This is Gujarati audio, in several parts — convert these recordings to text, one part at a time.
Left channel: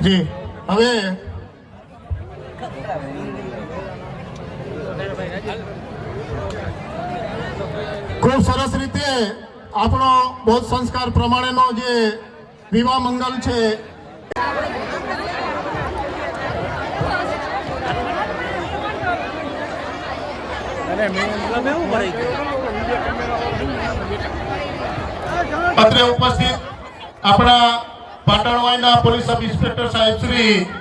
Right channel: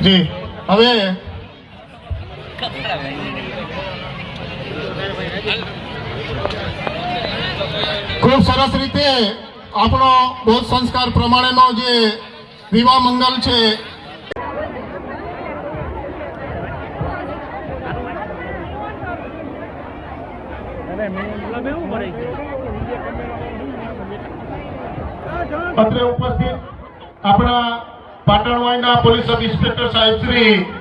જી હવે ખૂબ સરસ રીતે આપણો બૌદ્ધ સંસ્કાર પ્રમાણેનો જે વિવાહ મંગલ છે અત્રે ઉપસ્થિત આપણા પાટણવાઈના પોલીસ સબ ઇન્સ્પેક્ટર સાહેબ શ્રી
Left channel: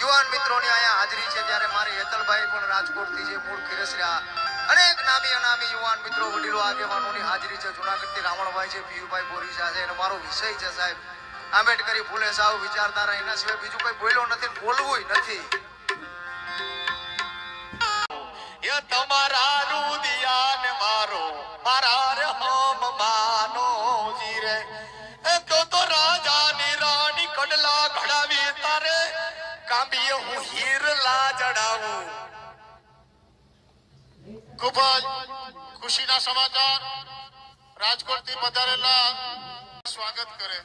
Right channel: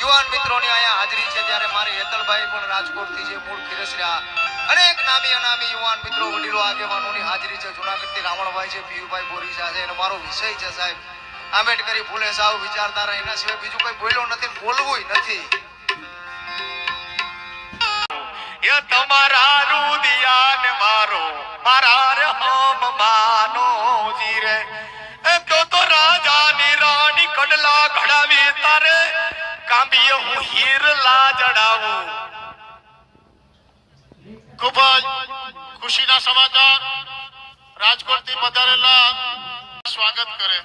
યુવાન મિત્રોની અહીંયા હાજરી છે ત્યારે મારી હેતલભાઈ પણ રાજકોટથી જે મૂળ ખીરસરા અનેક નામી અનામી યુવાન મિત્રો વડીલો આગેવાનોની હાજરી છે જુનાગઢથી રાવણભાઈ છે પીયુભાઈ બોરીસા છે અને મારો વિષય છે સાહેબ આંબેડકરી ફૂલે સાવ વિચારધારા એના સિવાય બીજું કોઈ બોલ્યો નથી બોલવું નથી એ તમારા રુદિયાન મારો મારા રે હમ માનો જીરે એ તો રાજાની રાણી કડલા ઘડાવી તારે કાંબીએ હું હીરલા જડાવું ખૂબ જ ખુશીના સમાચાર રાજકોટથી પધારેલા સ્વાગત કરે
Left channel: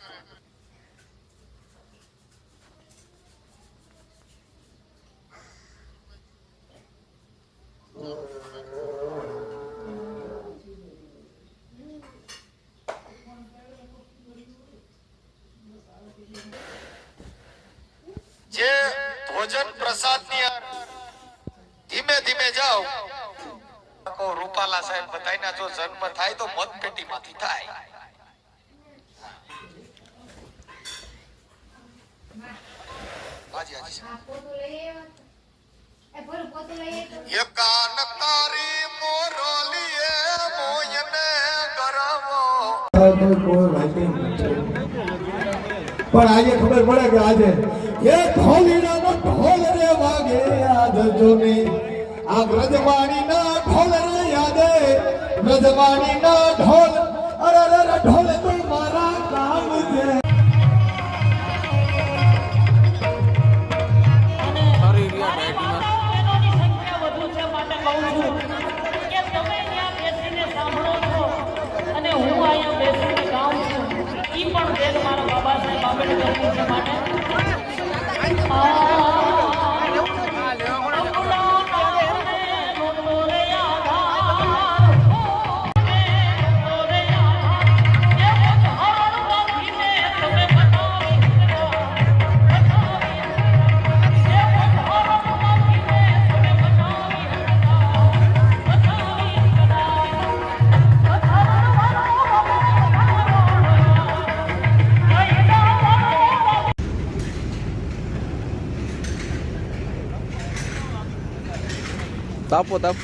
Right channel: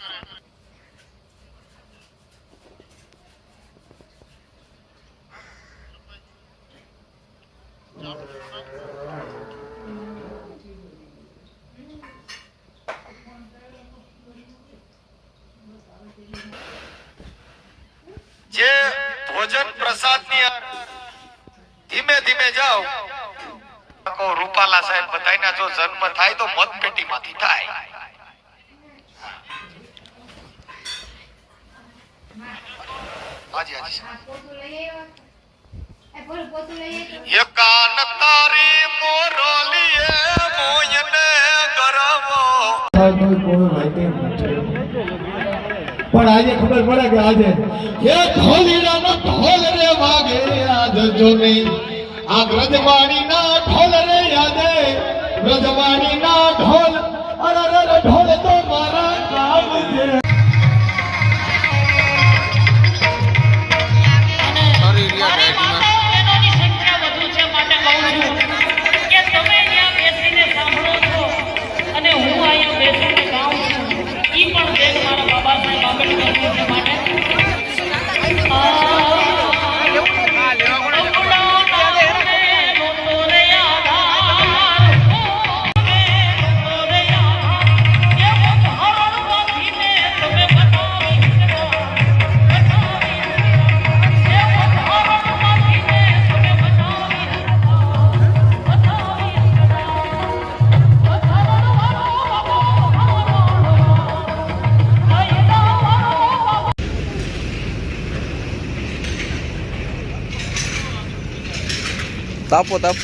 જે ભોજન પ્રસાદની ધીમે ધીમે જાઓ રૂપાલા સાહેબ બધાયના જો જન્મ થાય તો મતપેટીમાંથી થાય હાજી હાજી એકાન તારી મોરલીએ મોયને ગરવો પણ આજે ખબર પડે કે આજે એ ઢોલીડાનો ઢોલ રે વાગે આજ જો નહીં આ વ્રજવાણીના ઢોલ રે યાદે વ્રજવાણીના ઢોલ અરે રે ઢોલ તો મારા કામ છે તાપો તાપ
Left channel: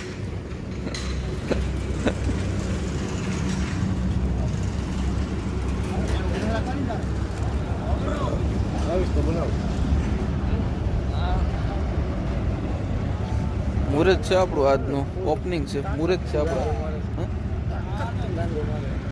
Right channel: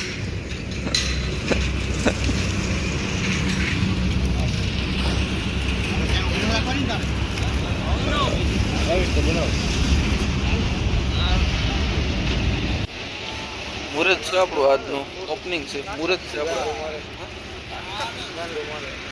મુહૂર્ત છે આપણું આજનું ઓપનિંગ છે મુહૂર્ત છે આપણું